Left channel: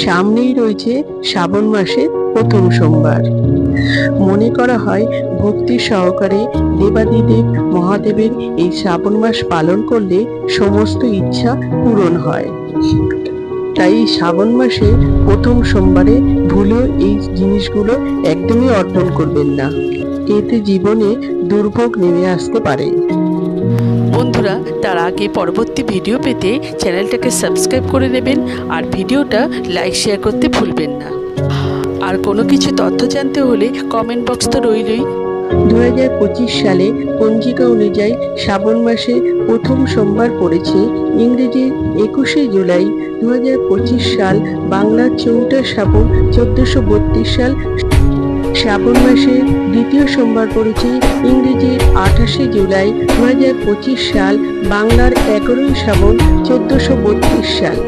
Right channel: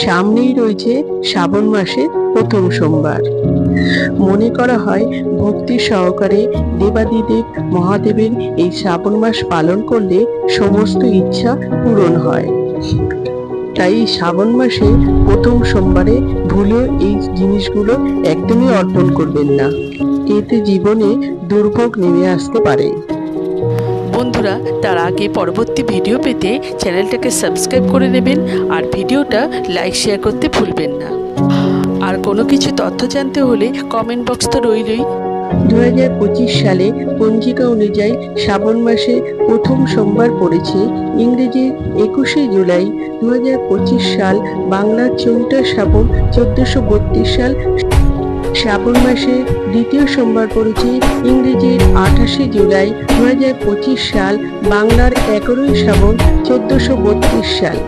সামনেই রয়েছে শ্রাবণ মাসের প্রথম সোমবার। মনে করা হয় ভক্তি সহকারে দেবাদিদেব মহাদেবের এই শ্রাবণ মাস পালন করলে সমস্ত ইচ্ছা পূরণ হয়। তাই শ্রাবণ মাসে প্রথম সোমবারে ভুলেও এই জিনিসগুলো একদমই অর্পণ করবেন না, এতে জীবনে দুর্ভোগ নেমে আসতে পারে। বন্ধুরা, তার আগে পরবর্তী ভিডিও পেতে চ্যানেলটাকে সাবস্ক্রাইব করে নেবেন আর ভিডিওটা লাইক শেয়ার করতে ভুলবেন না। আর কোনো কিছু তথ্য জানতে হলে কমেন্ট বক্স তো রইলই। 2025 সালে পঞ্জিকা অনুযায়ী শ্রাবণ মাসে প্রথম সোমবার পড়েছে ইংরেজির 21শে জুলাই 2025 সাল, বাংলার 4টা শ্রাবণ 1432 সাল। শ্রাবণ মাসে দ্বিতীয় সোমবার পড়েছে ইংরেজির 28শে জুলাই 2025 সাল, বাংলার 11ই শ্রাবণ 1432 সাল।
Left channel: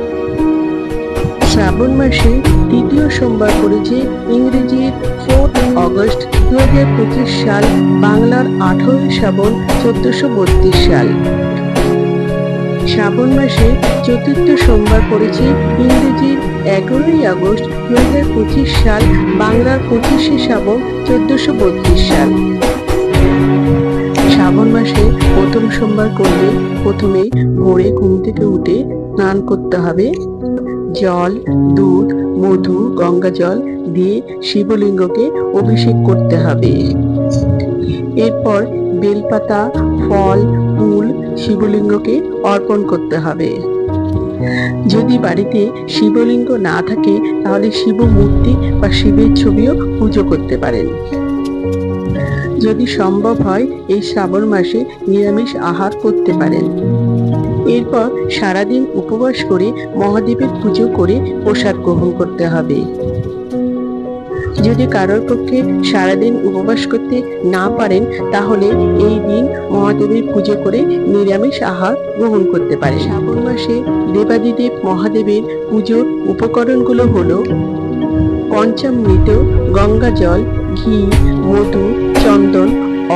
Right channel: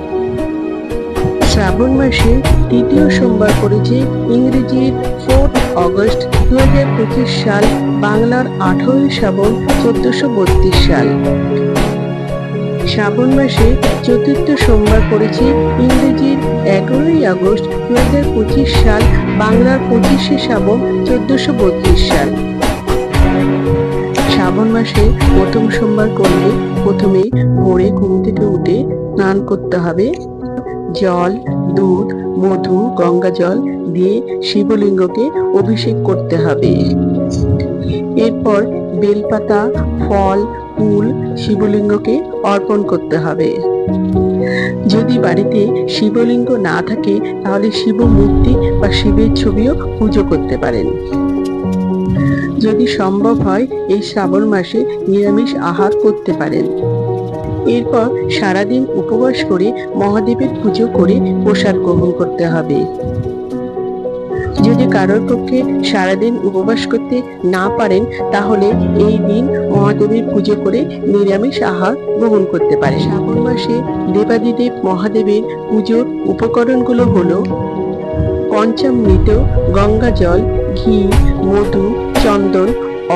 শ্রাবণ মাসে তৃতীয় সোমবার পড়েছে ইংরেজির 4 অগস্ট 2025 সাল, বাংলার 18ই শ্রাবণ 1432 সাল। শ্রাবণ মাসে চতুর্থ সোমবার পড়েছে ইংরেজির 11ই আগস্ট 2025 সাল, বাংলার 25শে শ্রাবণ 1432 সাল। শ্রাবণ মাসে প্রথম সোমবার করলে প্রথমে ভোরে ঘুম থেকে উঠে স্নান করতে হবে। জল, দুধ, মধু, গঙ্গা জল দিয়ে শিবলিঙ্গকে অভিষেক করতে হবে। এরপর বেলপাতা, ফল, ফুল শিবলিঙ্গকে অর্পণ করতে হবে। যদি বাড়িতে শিবলিঙ্গ না থাকে তাহলে শিব মূর্তি বা শিবের ছবিও পুজো করতে পারেন। যদি সম্ভব হয় এই শ্রাবণ মাসে নিরামিষ আহার করতে পারেন। এরপর সারাদিন উপবাস করে মহাদেবের পুজো করে প্রসাদ গ্রহণ করতে হবে। যদি কারোর পক্ষে সারাদিন উপবাস করতে না পারেন তাহলে এই দিন মহাদেবের পুজো করে নিরামিষ আহার গ্রহণ করতে পারে। শ্রাবণ মাসে দেবাদিদেব মহাদেবের পুজোর উপকরণগুলো হলো পঞ্চামৃত, গঙ্গা জল, ঘি, মধু, চন্দন,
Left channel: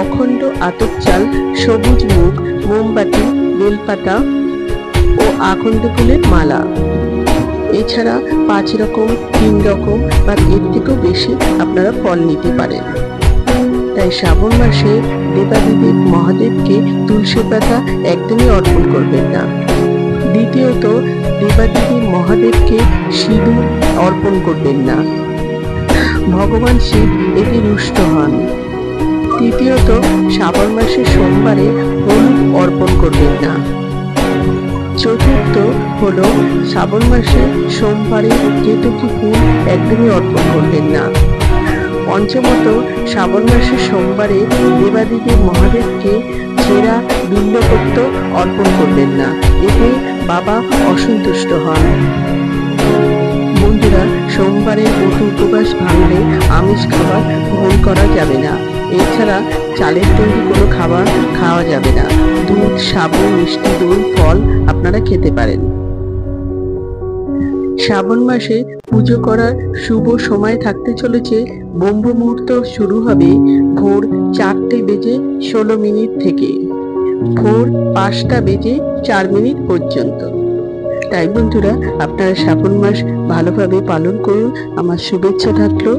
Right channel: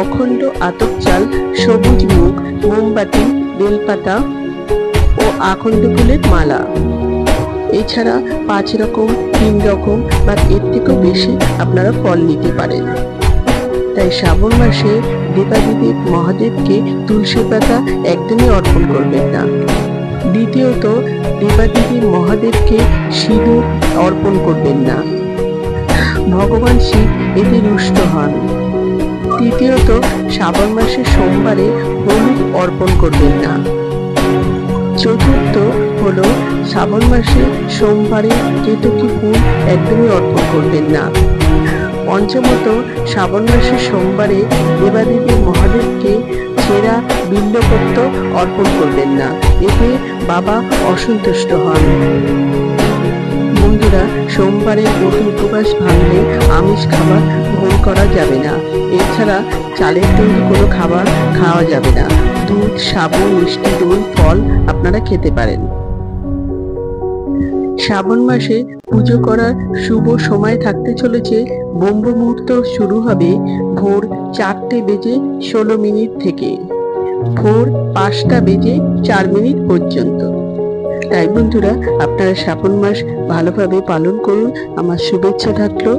অখণ্ড আতপ চাল, সবুজ মুগ, মোমবাতি, বেলপাতা ও আকন্দ ফুলের মালা। এছাড়া 5 রকম, 3 রকম বা এর থেকেও বেশি আপনারা ফল নিতে পারেন। তাই শ্রাবণ মাসে দেবাদিদেব মহাদেবকে তুলসী পাতা একদমই অর্পণ করবেন না। দ্বিতীয়ত, দেবাদিদেব মহাদেবকে সিঁদুর অর্পণ করবেন না, ভগবান শিব এতে রুষ্ট হন। তৃতীয়ত, শ্রাবণ মাসে সোমবারে হলুদ অর্পণ করবেন না। চতুর্থ হলো শ্রাবণ মাসে সোমবারে কেতকী ফুল একদমই অর্পণ করবেন না। পঞ্চমত, শ্রাবণ মাসে সোমবারে দেবাদিদেব মহাদেবকে ছেঁড়া বিল্বপত্র অর্পণ করবেন না, এতে বাবা অসন্তুষ্ট হন। বন্ধুরা, সোমবারের ব্রত উপবাস ভাঙলে আমিষ খাবার গ্রহণ করা যাবে না। এছাড়া চালের তৈরি কোনো খাবার খাওয়া যাবে না। দুধ, সাবু, মিষ্টি, দই, ফল আপনারা খেতে পারেন। শ্রাবণ মাসে পুজো করার শুভ সময় থাকতে চলেছে। ব্রহ্ম মুহূর্ত শুরু হবে ভোর 4:16 থেকে ভোর 5:04 পর্যন্ত। তাই বন্ধুরা, আপনারা শ্রাবণ মাস ভালোভাবে পালন করুন। আমার শুভেচ্ছা থাকলো।